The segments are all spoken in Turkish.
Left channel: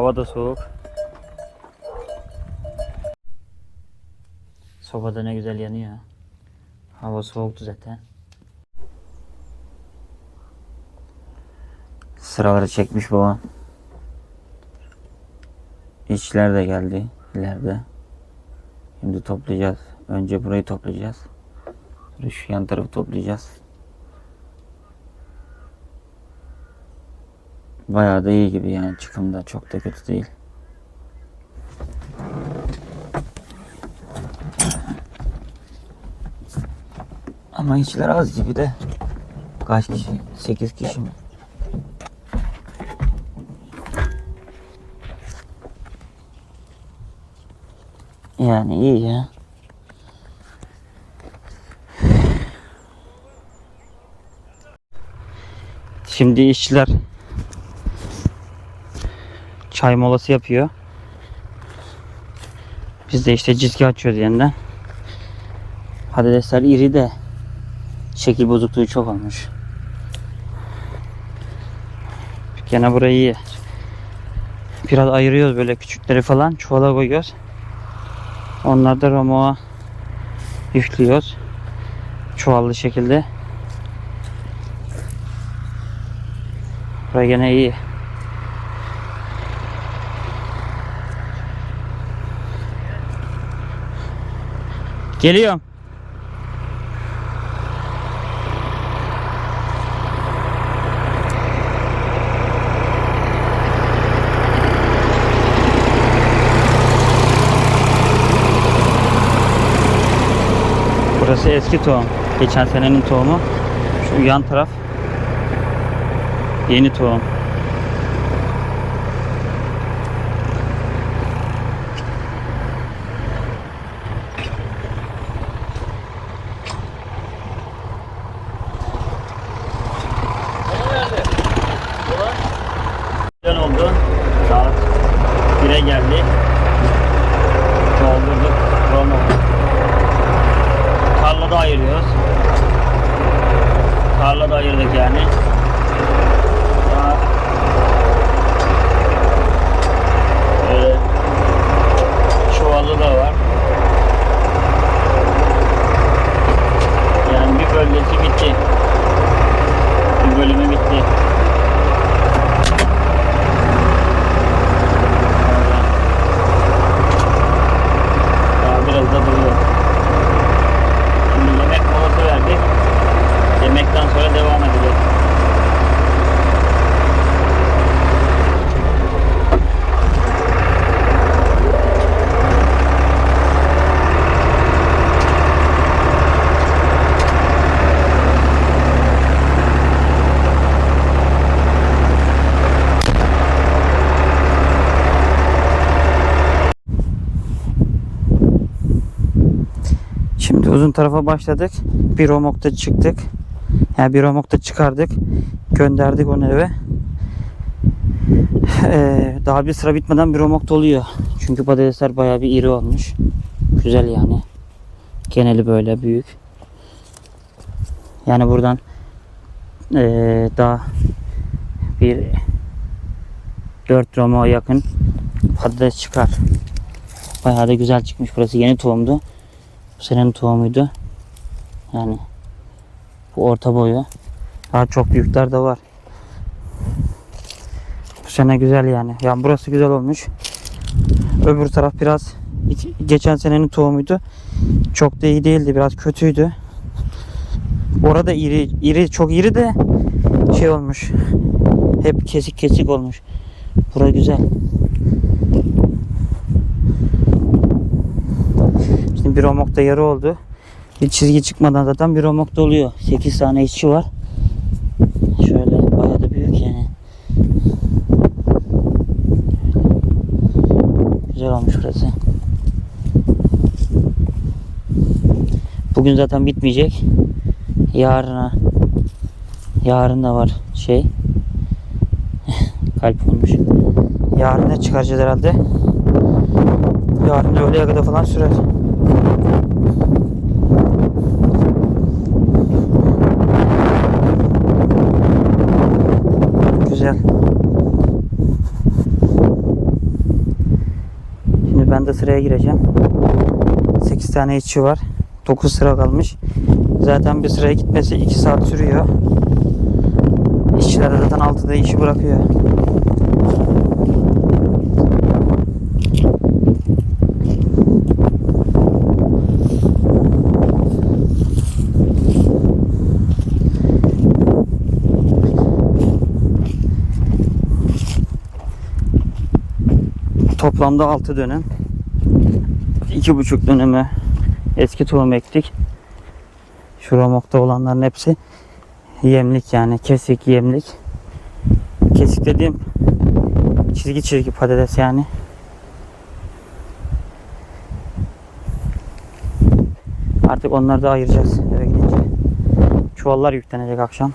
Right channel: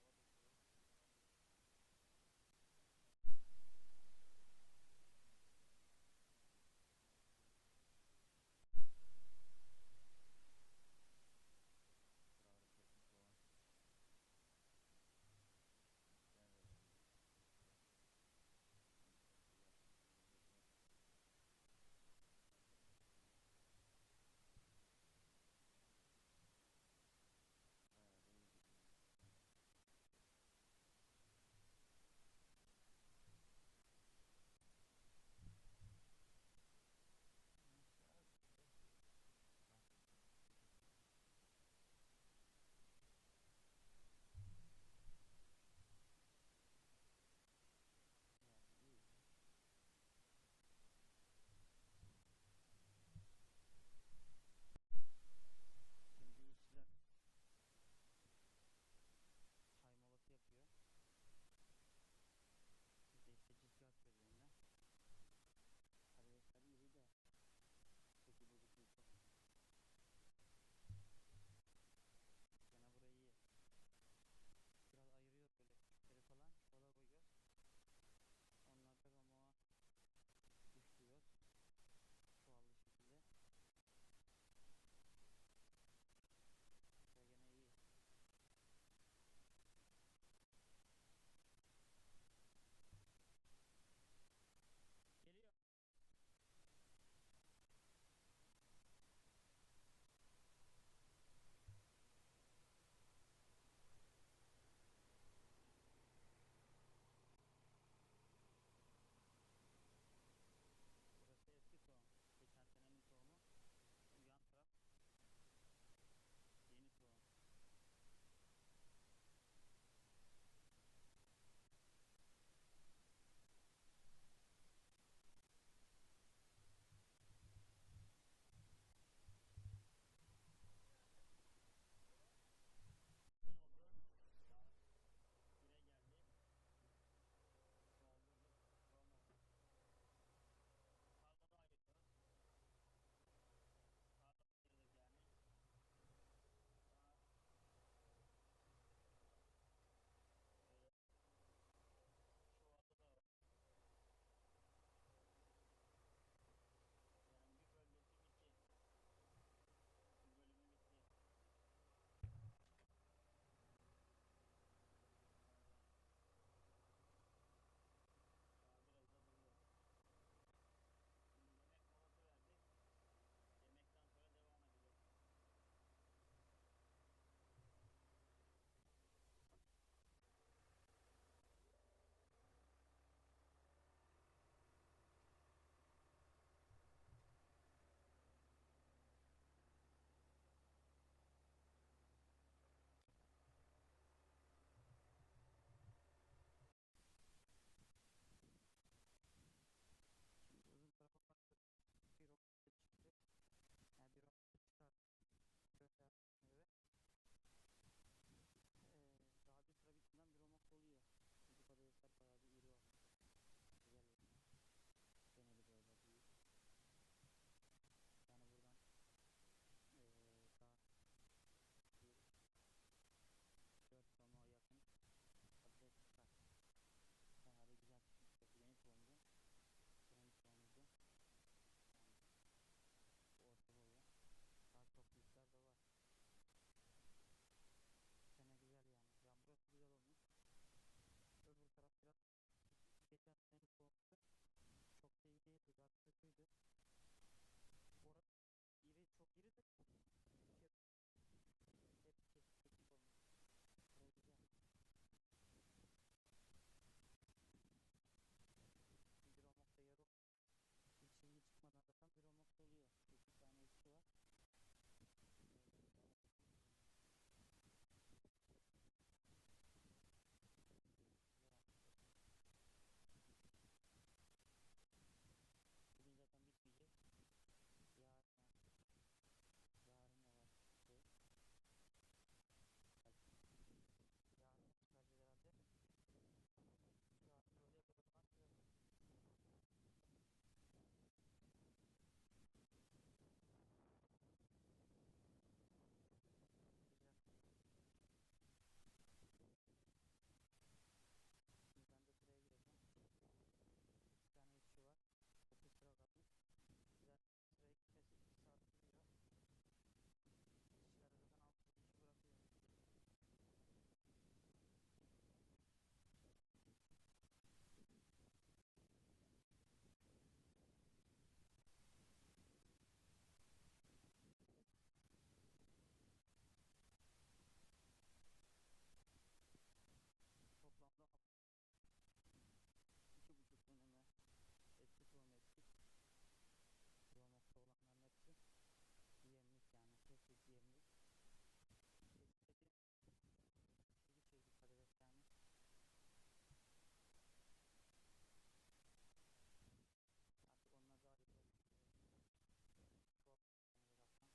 Hava da soğuk. Sobada ne güzel yanıyor. Hava soğuktu zaten. Sıraları çekmiş babam. İşçiler de geldi ileride. Şimdi toplayacağız. Önce burayı toplayacağız. Sonra şu yan tarafı toplayacağız. Bayağı da iyi gibi yani çıkımda çok da kötü değil. Ama işçiler az gibi de. Kaç kişi? 8 kişi mi? Yani iyi ya. Şimdi işçiler çay molası yapıyor. Biz de işte cizgi açıyoruz yeniden. Patatesler iri de şekil bozukluğu çok olmuş. Gene burayı iyi. Biraz ayırıyoruz böyle küçükleri falan çuvala koyuyoruz. Onları da romoğa yüklüyoruz. Çuvallı şekilde. Burası gene iyi. Geliyorum. Burası eski tohum. Geçen senenin tohumu. Şu yan taraf yeni tohum. Güzel oldu. Saat 1'e geldi. Doldurduk. Romo. Tarlada ayırıyoruz. Tarlada ayırdık yani. Daha böyle çuvalı da var. Yani bir bölgesi bitti. Bir bölümü bitti. Daha biraz da duruyor. Şimdi yemek molası verdik. Yemekten sonra devam edeceğiz. Şimdi uzun tarafa başladık. Bir romokta çıktık. Yani bir romokta çıkardık. Gönderdik onu eve. Ee, daha bir sıra bitmeden bir romok doluyor. Çünkü patatesler bayağı bir iri olmuş. Güzel yani. Geneli böyle büyük. Yani buradan ee, daha bir 4 romoğa yakın patates çıkar. Bayağı da güzel çıkmış. Burası yeni tohumdu. Bu senenin tohumuydu. Yani bu orta boyu. Daha çok büyükler de var. Bu sene güzel yani. Yani burası güzel olmuş. Öbür taraf biraz geçen senenin tohumuydu. Çok da iyi değildi. Biraz kötüydü. Orada iri, iri çok iri de şey olmuş. Hep kesik kesik olmuş. Bura güzel. Şimdi bir romokta yarı oldu. Bir çizgi çıkmadan zaten bir romokta oluyor. 8 tane işçi var. Şöyle bayağı da büyük yani. Güzel olmuş burası. Bugün zaten bitmeyecek. Yarına yarın da var şey. Kalp olmuş. Yarın da çıkaracağız herhalde. Yarın öğleye kadar falan sürer. Güzel. da sıraya gireceğim. 8 tane işçi var. 9 sıra kalmış. Zaten bir sıraya gitmesi 2 saat sürüyor. İşçiler zaten 6'da işi bırakıyor. Toplamda 6 dönem. 2,5 döneme eski tohum ektik. Şu romokta olanların hepsi yemlik yani kesik yemlik. Kesik dediğim çizgi çizgi patates yani. Artık onları da ayıracağız eve gidince. Çuvallar yüklenecek akşam.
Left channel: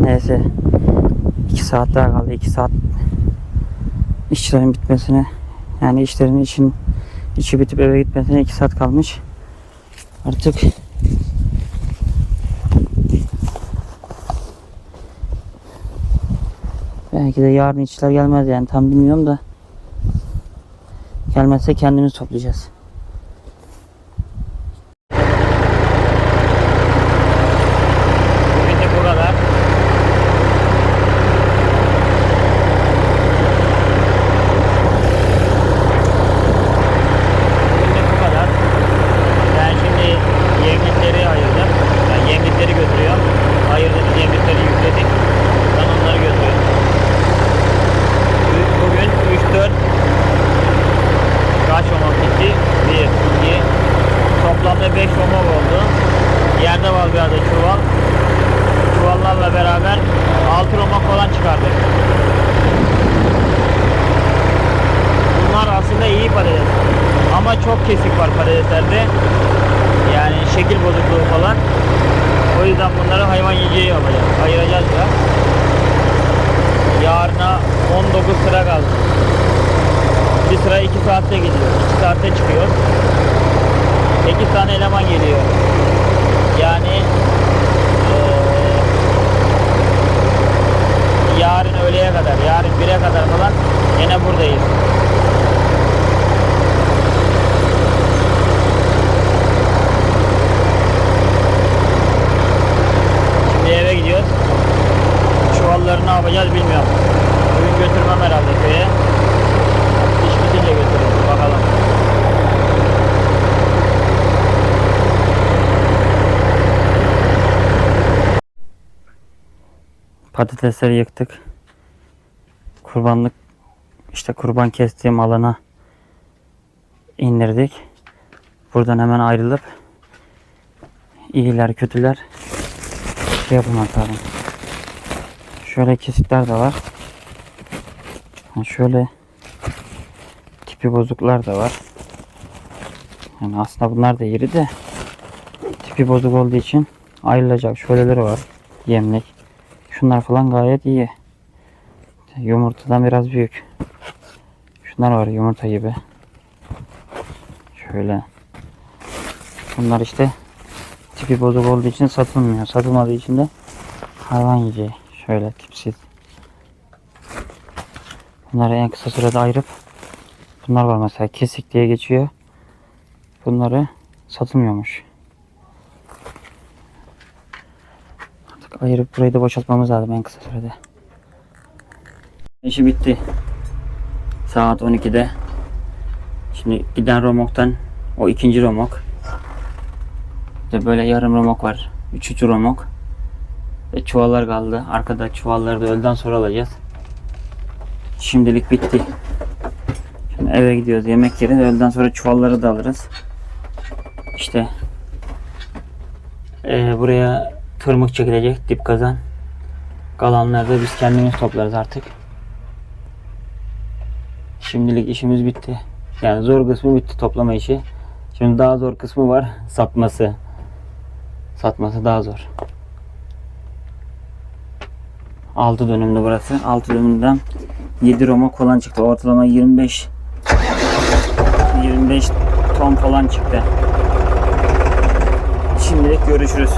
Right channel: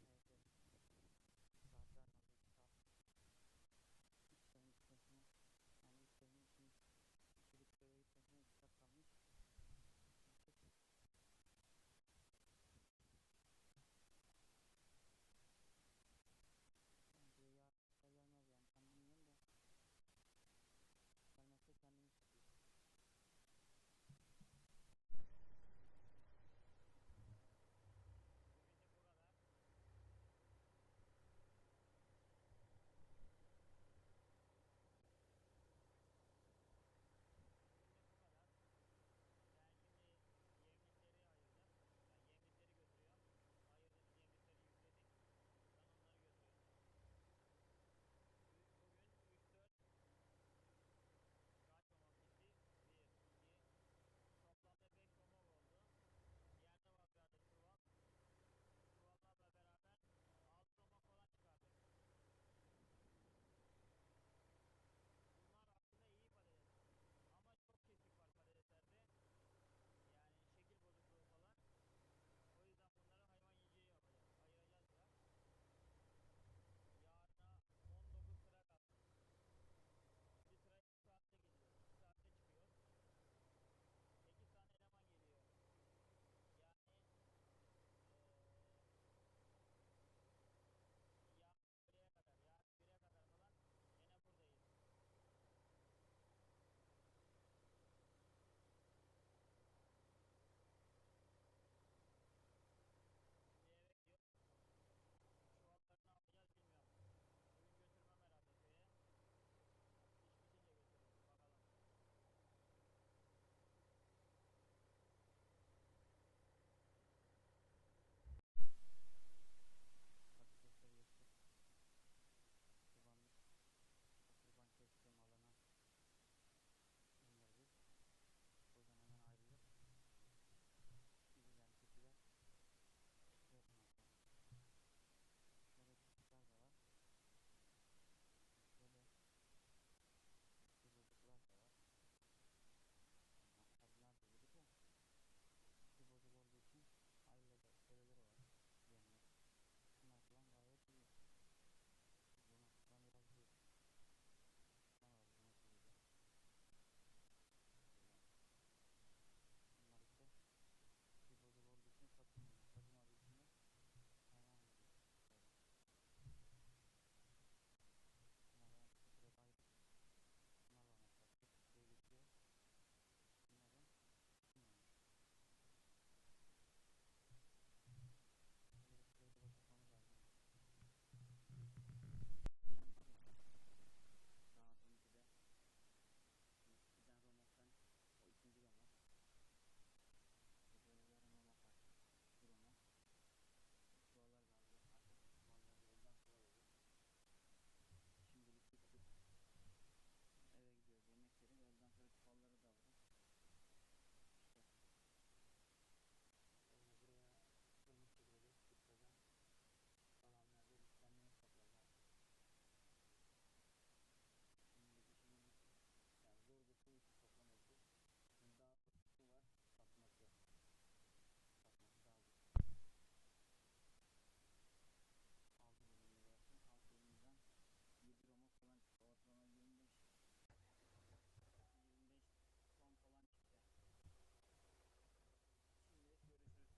Neyse. 2 saat daha kaldı. 2 saat işçilerin bitmesine yani işlerin için içi bitip eve gitmesine 2 saat kalmış. Artık belki de yarın işçiler gelmez yani tam bilmiyorum da gelmezse kendimiz toplayacağız. Bugün de bu kadar. Bugün de bu kadar. Ben şimdi yemlikleri ayırdım. Ben yemlikleri götürüyorum. Ayırdığımız yemlikleri yükledik. Ben onları götürüyorum. Bu- Bugün 3-4 kaç homo gitti? 1, 2, toplamda 5 homo oldu. Yerde var bir adet çuval. Çuvallarla beraber 6 romak falan çıkardık. Bunlar aslında iyi patates. Ama çok kesik var patateslerde. Yani şekil bozukluğu falan. O yüzden bunları hayvan yiyeceği yapacağız. Ayıracağız biraz. Yarına 19 sıra kaldı. Bir sıra 2 saatte gidiyor. 2 saatte çıkıyor. 8 tane eleman geliyor. Yani eee, yarın öğleye kadar, yarın 1'e kadar falan yine buradayız. Şimdi eve gidiyoruz. Çuvalları ne yapacağız bilmiyorum. Bugün götürmem herhalde köye. İş bitince götürürüz bakalım. Patatesleri yıktık. Kurbanlık işte kurban kestiğim alana indirdik. Buradan hemen ayrılıp iyiler kötüler şey yapmak lazım. Şöyle kesikler de var. Ha, Şöyle tipi bozuklar da var. Yani aslında bunlar da iri de tipi bozuk olduğu için ayrılacak. Şöyleleri var. Yemlik. Şunlar falan gayet iyi. Yumurtadan biraz büyük. Şunlar var yumurta gibi. Şöyle. Bunlar işte tipi bozuk olduğu için satılmıyor. Satılmadığı için de hayvan yiyeceği. Şöyle tipsiz. Bunları en kısa sürede ayırıp bunlar var mesela kesik diye geçiyor. Bunları satılmıyormuş. Artık ayırıp burayı da boşaltmamız lazım en kısa sürede. İşi bitti. Saat 12'de. Şimdi giden romoktan o ikinci romok. De böyle yarım romok var. Üçüncü romok. Ve çuvallar kaldı. Arkada çuvalları da öğleden sonra alacağız. Şimdilik bitti. Şimdi eve gidiyoruz. Yemek yeriz. Öğleden sonra çuvalları da alırız. İşte eee, buraya tırmık çekilecek dip kazan. Kalanları da biz kendimiz toplarız artık. Şimdilik işimiz bitti. Yani zor kısmı bitti toplama işi. Şimdi daha zor kısmı var. Satması. Satması daha zor. 6 dönümlü burası. 6 dönümden 7 Roma kolan çıktı. Ortalama 25 25 ton falan çıktı. Şimdilik görüşürüz.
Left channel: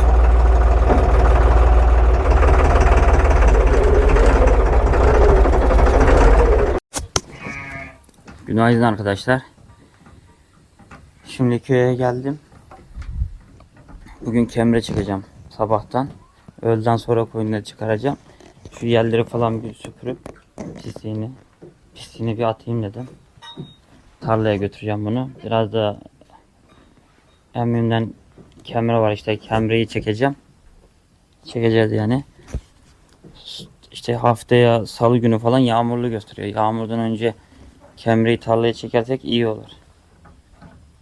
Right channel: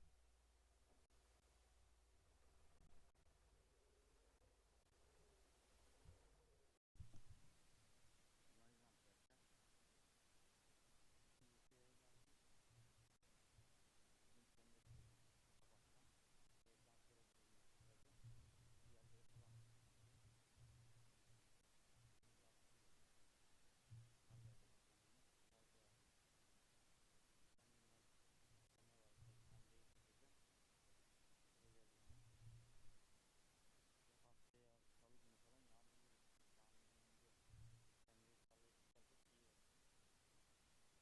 Günaydın arkadaşlar. Şimdi köye geldim. Bugün kemre çıkacağım sabahtan. Öğleden sonra koyunları çıkaracağım. Şu yerleri falan bir süpürüp pisliğini pisliğini bir atayım dedim. Tarlaya götüreceğim bunu. Biraz da emmimden kemre var işte kemreyi çekeceğim. Çekeceğiz yani. İşte haftaya salı günü falan yağmurlu gösteriyor. Yağmurdan önce kemreyi tarlaya çekersek iyi olur.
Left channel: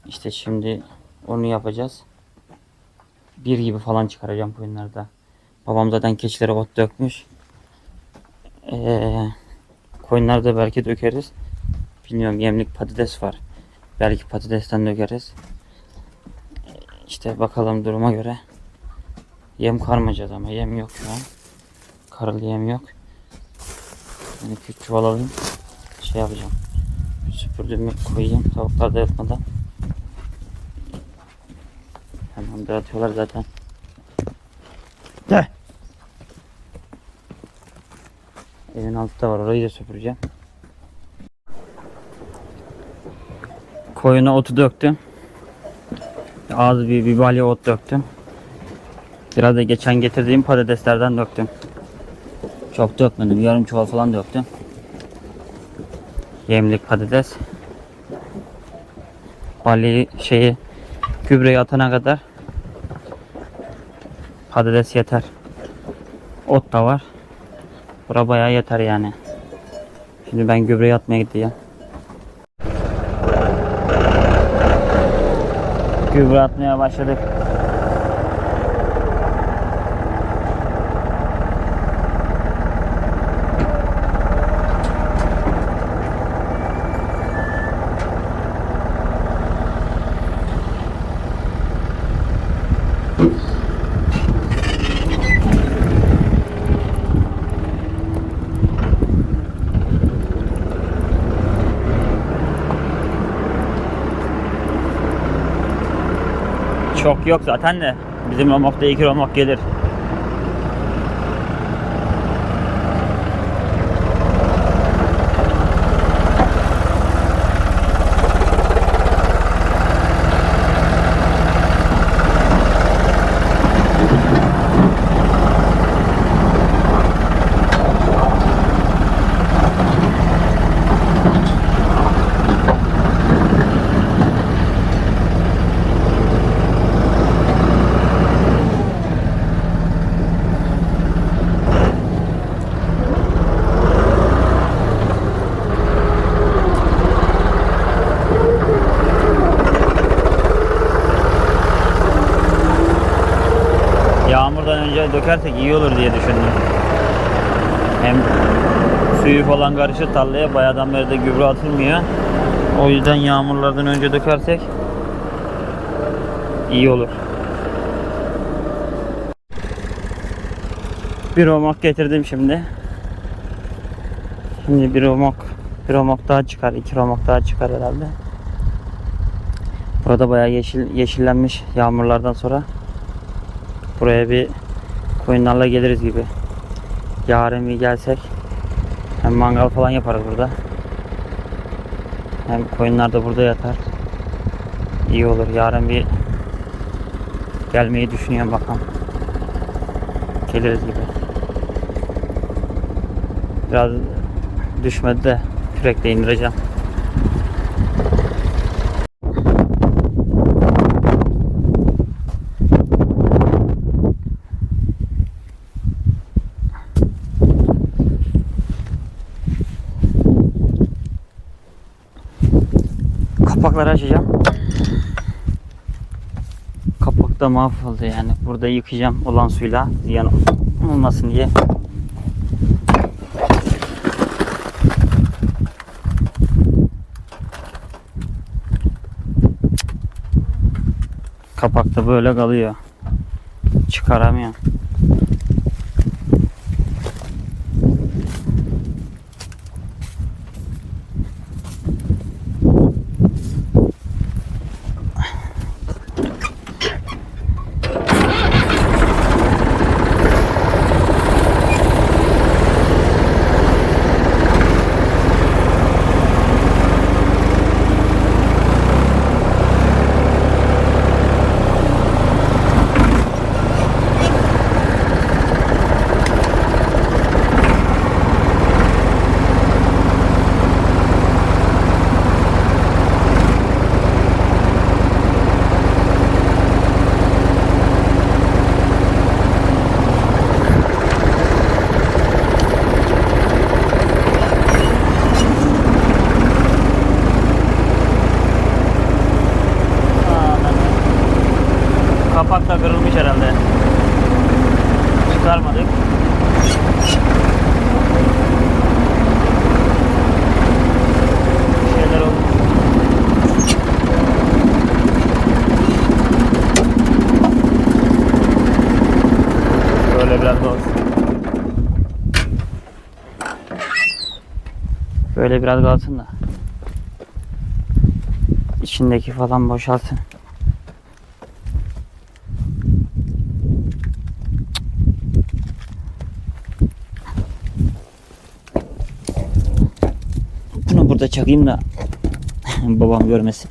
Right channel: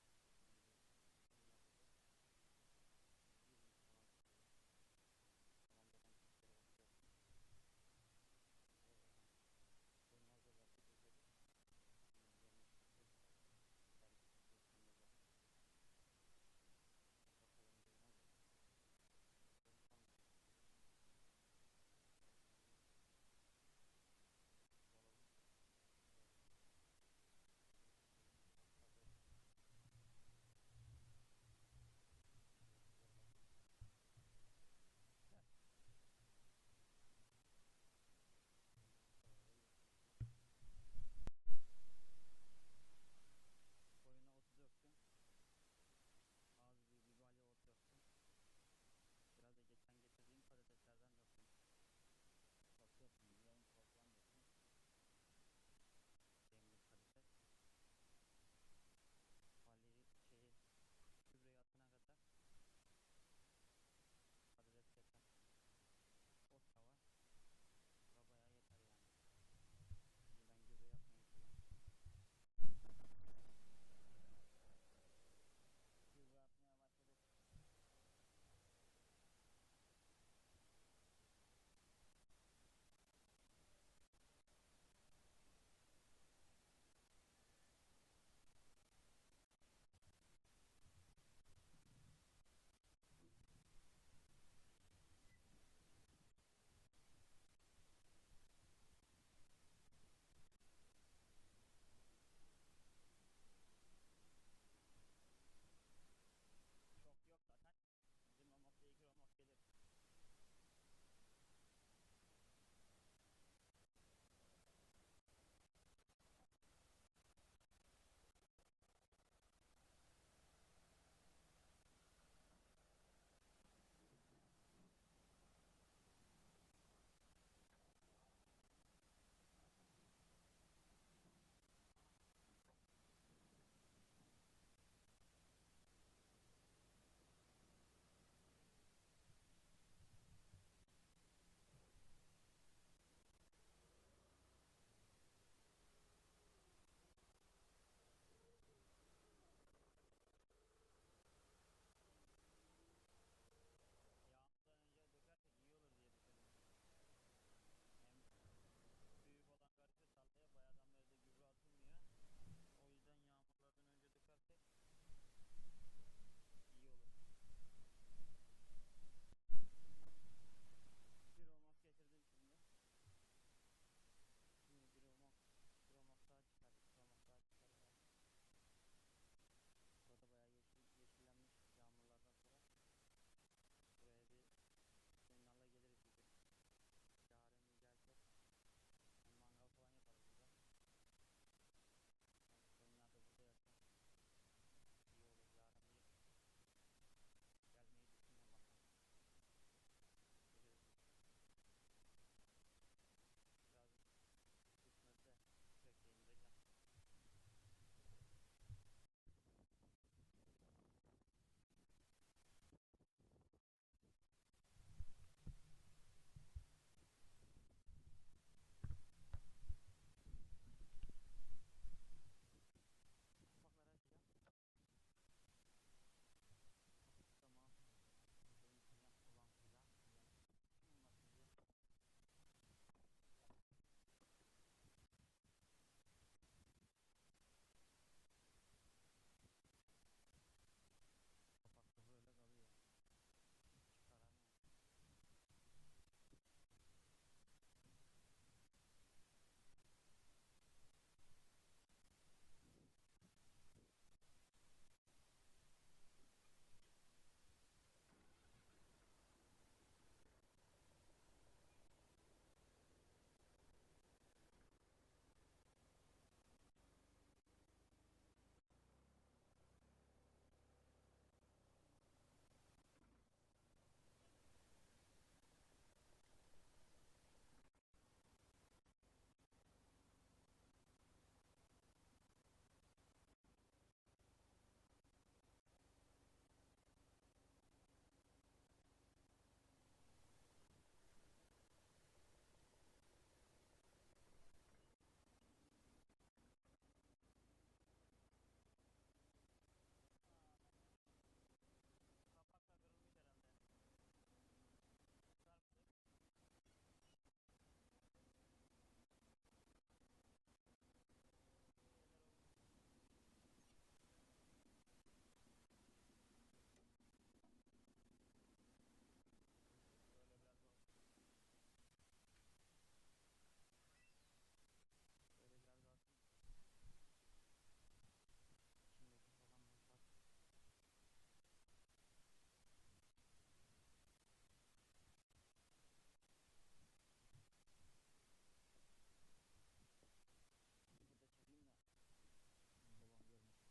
İşte şimdi onu yapacağız. Bir gibi falan çıkaracağım koyunlarda. Babam zaten keçilere ot dökmüş. Ee, koyunlarda belki dökeriz. Bilmiyorum yemlik patates var. Belki patatesten dökeriz. İşte bakalım duruma göre. Yem karmayacağız ama yem yok şu an. Karılı yem yok. Yani küçük çuval alayım. Şey yapacağım. Süpürdüğümü koyayım. Tavuklar da yatmadan. Hemen de atıyorlar zaten. De. Evin altı da var. Orayı da süpüreceğim. Koyuna otu döktüm. Az bir, bir ot döktüm. Biraz da geçen getirdiğim patateslerden döktüm. Çok dökmedim. Yarım çuval falan döktüm. Yemlik patates. Balyayı şeyi gübreyi atana kadar patates yeter. Ot da var. Bura bayağı yeter yani. Şimdi ben gübreyi atmaya gideceğim. Gübre atmaya başladık. Çok yok zaten de bizim romakta iki romak gelir. Yağmurdan önce dökersek iyi olur diye düşündüm. Hem suyu falan karışır tarlaya bayağıdan beri de gübre atılmıyor. O yüzden yağmurlardan önce dökersek iyi olur. Bir romak getirdim şimdi. Şimdi bir romak, bir romak daha çıkar, iki romak daha çıkar herhalde. Burada bayağı yeşil yeşillenmiş yağmurlardan sonra. Buraya bir koyunlarla geliriz gibi. Yarın bir gelsek hem mangal falan yaparız burada. Hem koyunlar da burada yatar. İyi olur. Yarın bir gelmeyi düşünüyorum bakalım. Geliriz gibi. Biraz düşmedi de kürekle indireceğim. Da mahvoldu yani. Burada yıkayacağım olan suyla ziyan olmasın diye. Kapak da böyle kalıyor. Çıkaramıyorum. Herhalde. Çıkarmadık. Böyle biraz kalsın da. İçindeki falan boşalsın. Bunu burada çakayım da babam görmesin.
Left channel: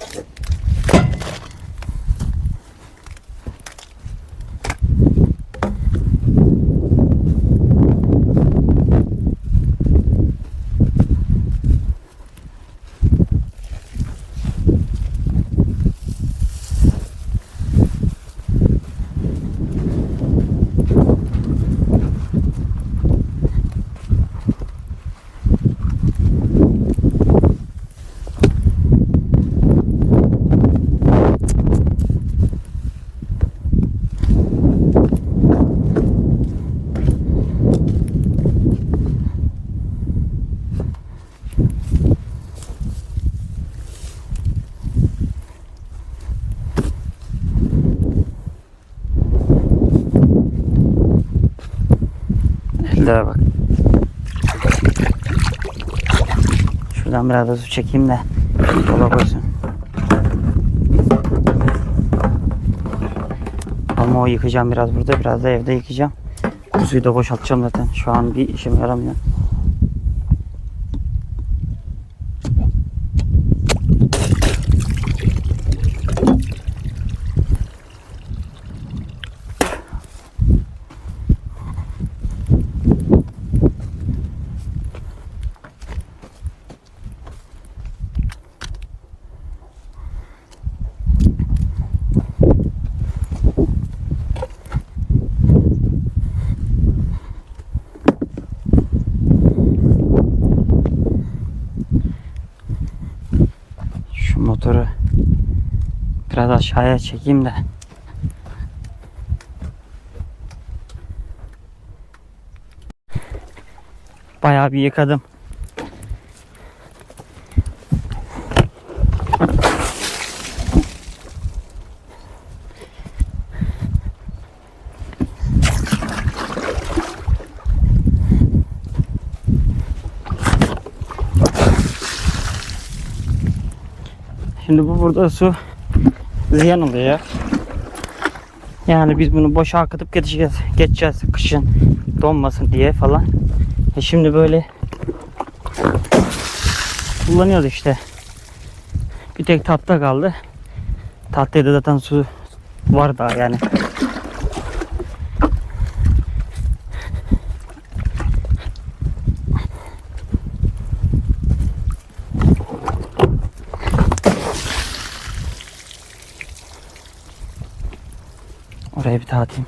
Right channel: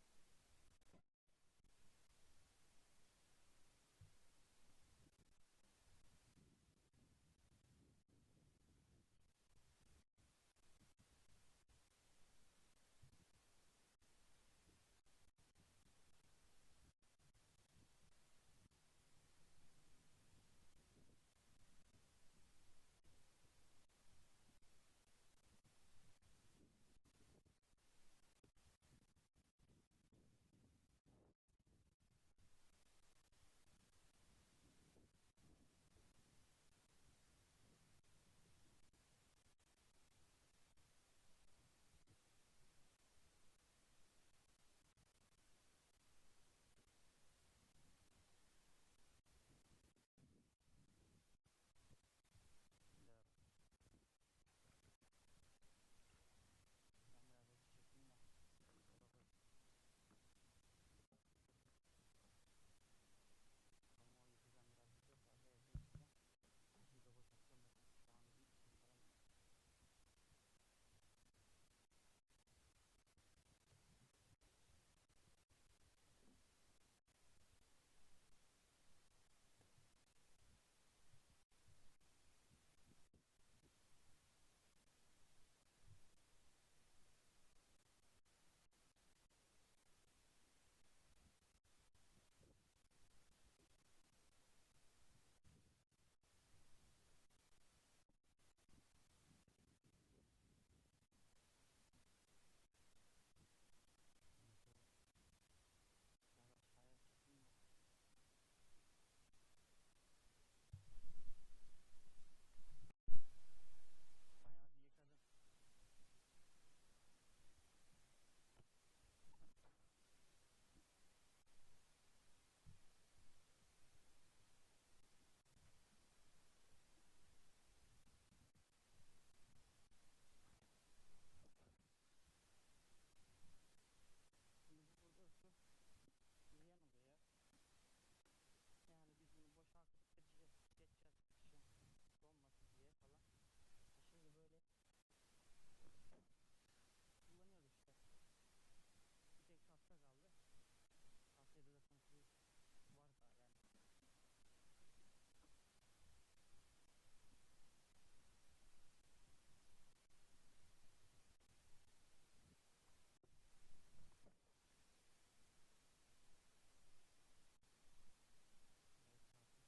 Ellere bak. Şuradan biraz da su çekeyim de yola koysun. Ama o yıkayacağım biraz burada, biraz da evde yıkayacağım. Suyu da boşaltacağım zaten. Şu an bir işime yaramıyor. Şu motoru biraz aşağıya çekeyim de. Bayağı bir yıkadım. Şimdi bu burada su ziyan oluyor. Yani biz bunu boşa akıtıp geçeceğiz, geçeceğiz kışın donmasın diye falan. E şimdi böyle kullanıyoruz işte. Bir tek tatlı kaldı. Tatlıya da zaten su var daha yani. Oraya bir dağıtayım.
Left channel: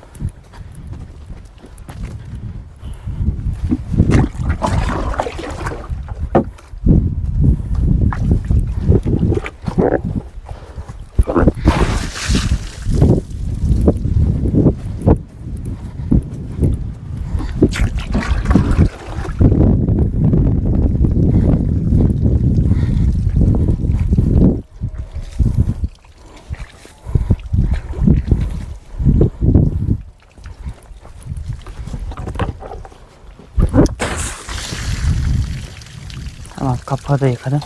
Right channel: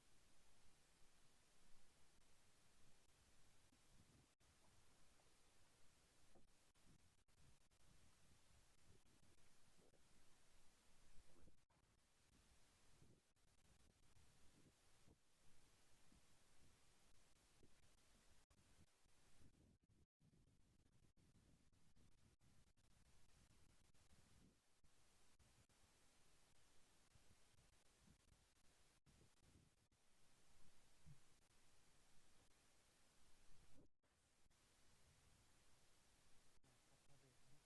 Tamam kapağı da yıkadım.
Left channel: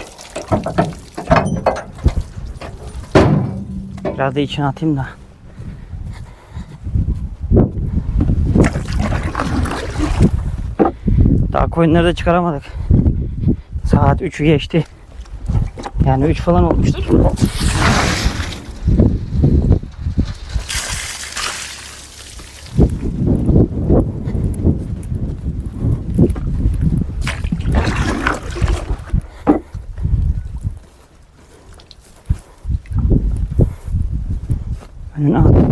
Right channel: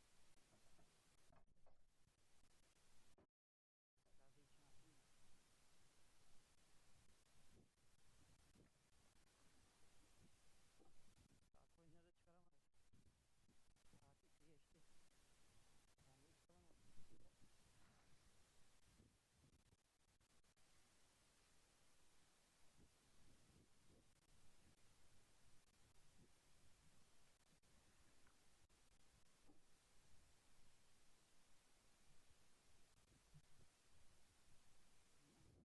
Biraz da atayım da. Daha koyunları da çıkaramadık. Saat 3'ü geçti. Yani 3 falan olmuştur. and up.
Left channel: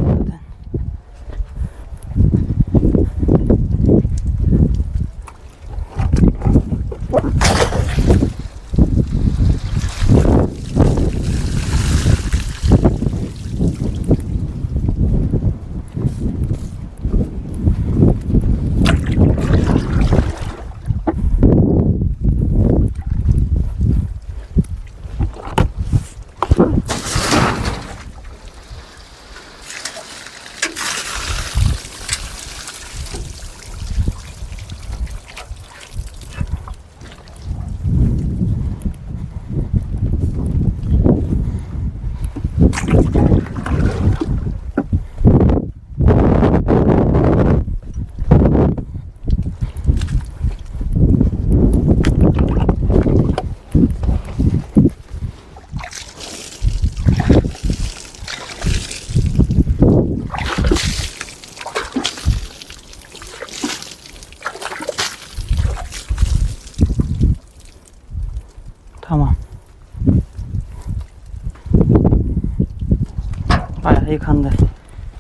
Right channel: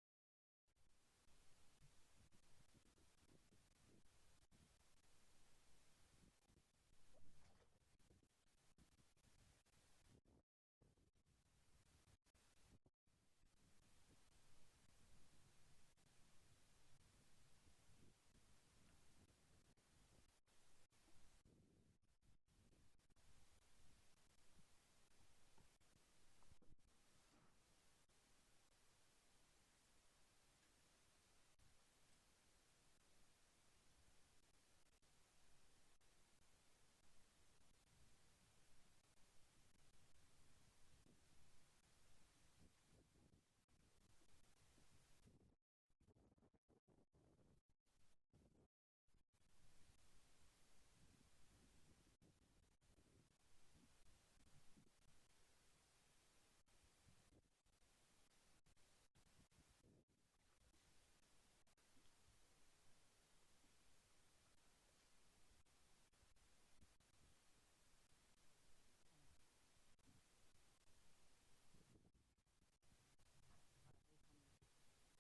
Yıkandı.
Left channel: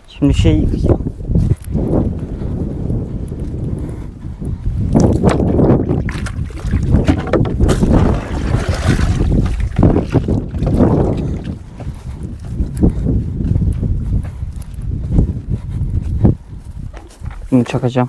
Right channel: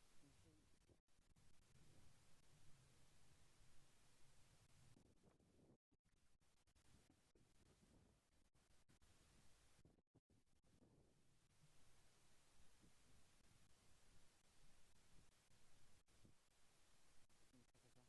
Şimdi şey yıkayacağım. Bunu çakacağım.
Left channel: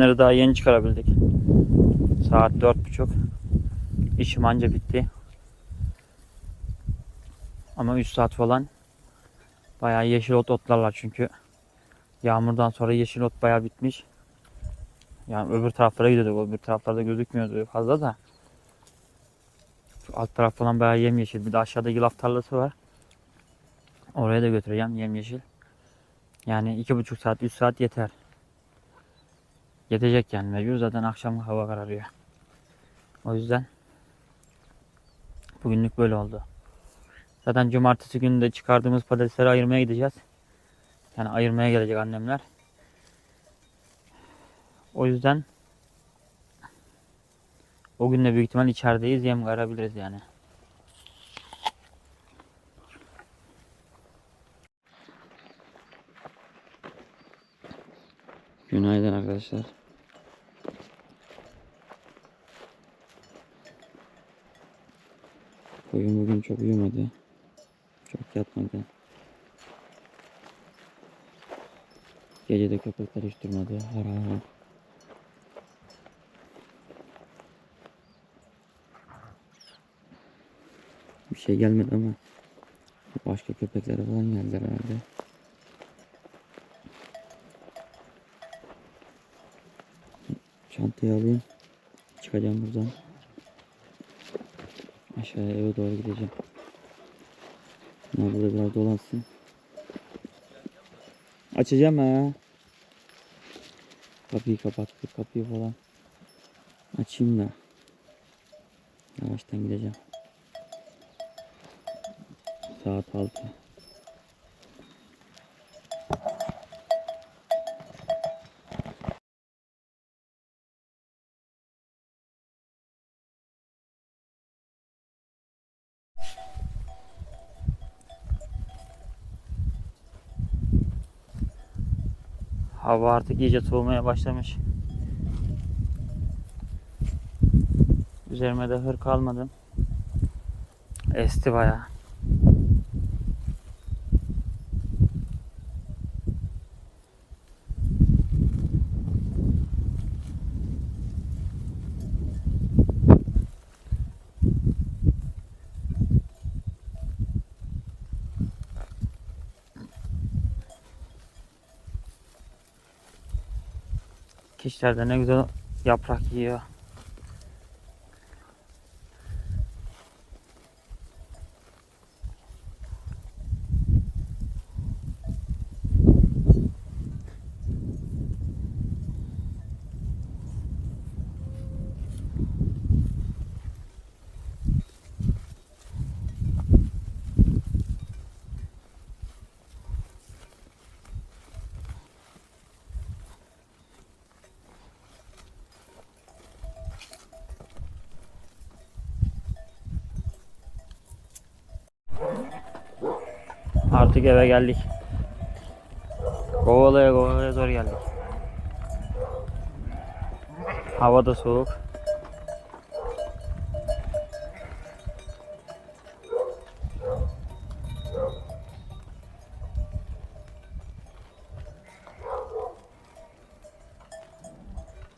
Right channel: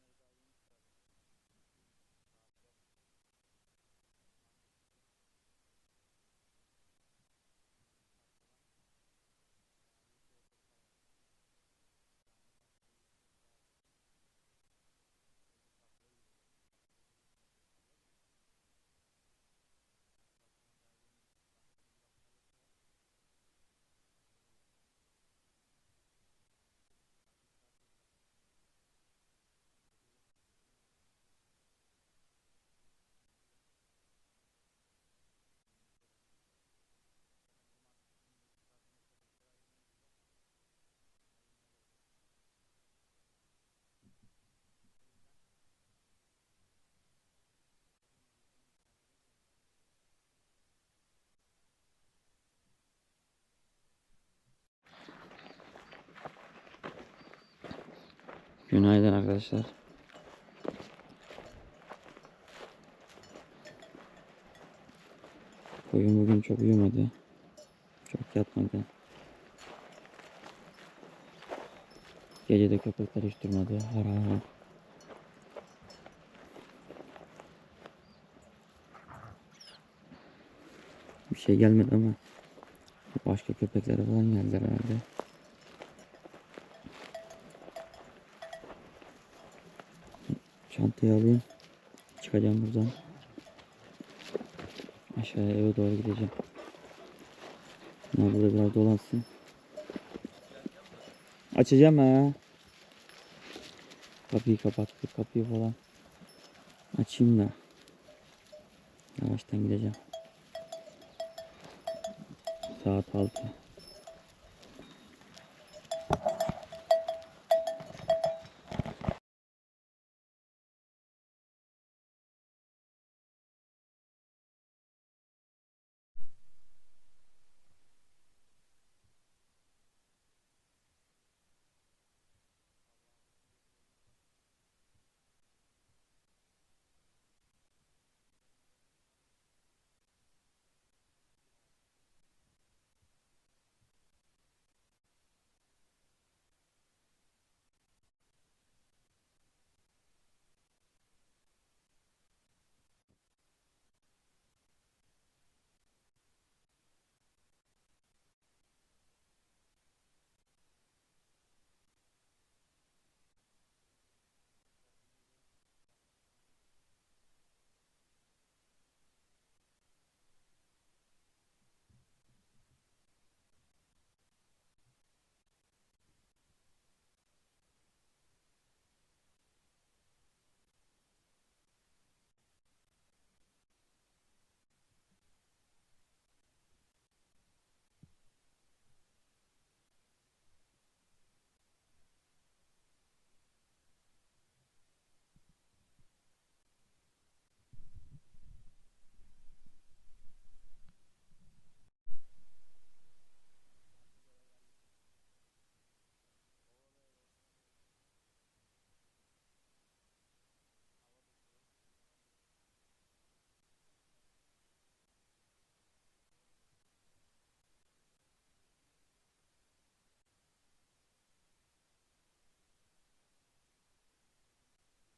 Koyunları daha yeni çıkarabildik. Saat dört buçuk. İşim anca bitti. Ama 3 saat falan bayağı yeşil ot otlarlar çünkü yağmurdan sonra yeşil ot bayağı bitmiş. Yani öbür taraflara gidiyorduk. Öbür taraflarda gözükmüyordu fazla da. Şu alt taraf falan bayağı yemyeşil. Bir de aşağıda yulaf tarlası var. Oraya da götüreceğim yemyeşil. Yani iki buçuk saat, üç saat yeter. Yetecek yani mecbur zaten akşam hava kararıyor. O yüzden bugünlük böyle oldu. Zaten cumartesi günü de çıkardığımız patatesleri ayırmaya gideceğiz. Yani ayırmaya gelecek annemler. O yüzden o gün de büyük ihtimal içerideyiz. Yem karabiliriz yani. Günaydın arkadaşlar. Bugün bugün çok uyumadı. Çok yatmadı. Gece de durmadı. Har har har. Bir şey gelmedi ama başka köpeklere falan geldiler herhalde. Çantayı alayım. Çıkacağım buradan. Aşağıya eve doğru gideceğim. Bunlar burada biraz dolansın. Açacağım ha. Kapıyı kapattık kapıyı falan. Açayım da. Yavaştan gideceğim. Saat 6. Hava artık iyice soğumaya başlamış. Üzerime de hır kalmadı. Esti bayağı. Keçiler de ne güzel yaprak yiyor. Artık eve geldik. Kovalaya kovalaya zor geldik. Hava da soğuk.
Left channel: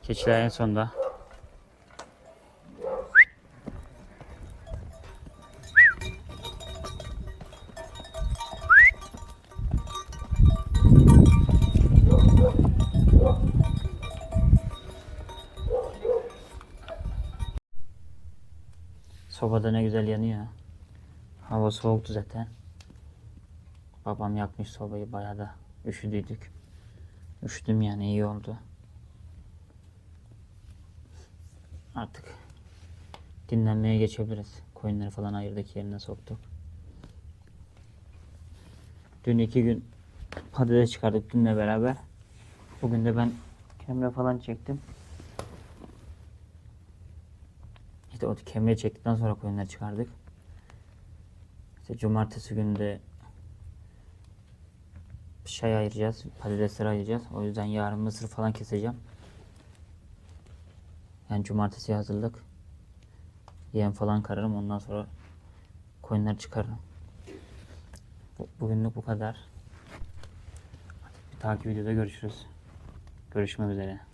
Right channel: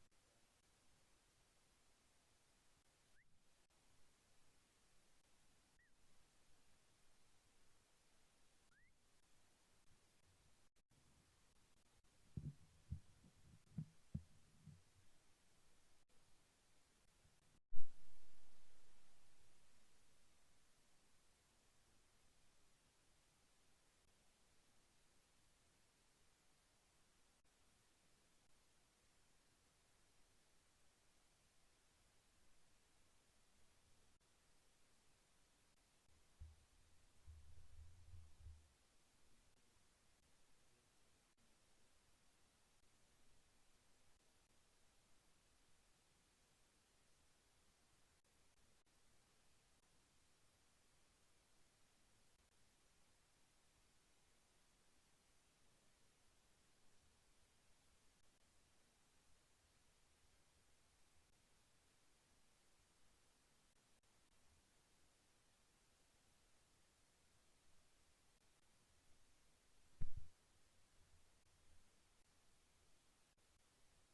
Keçiler en sonda. Sobada ne güzel yanıyor. Hava soğuktu zaten. Babam yakmış sobayı bayağı da üşüdüydük. Üşüdüm yani iyi oldu. Artık dinlenmeye geçebiliriz. Koyunları falan ayırdık yerine soktuk. Dün iki gün patates çıkardık dünle beraber. Bugün de ben kemre falan çektim. İşte o kemre çektikten sonra koyunları çıkardık. İşte cumartesi günü de şey ayıracağız, patatesleri ayıracağız. O yüzden yarın mısır falan keseceğim. Yani cumartesi hazırlık. Yem falan kararım ondan sonra koyunları çıkarırım. Bu- Bugünlük bu kadar. Bir dahaki videoda görüşürüz. Görüşmek üzere.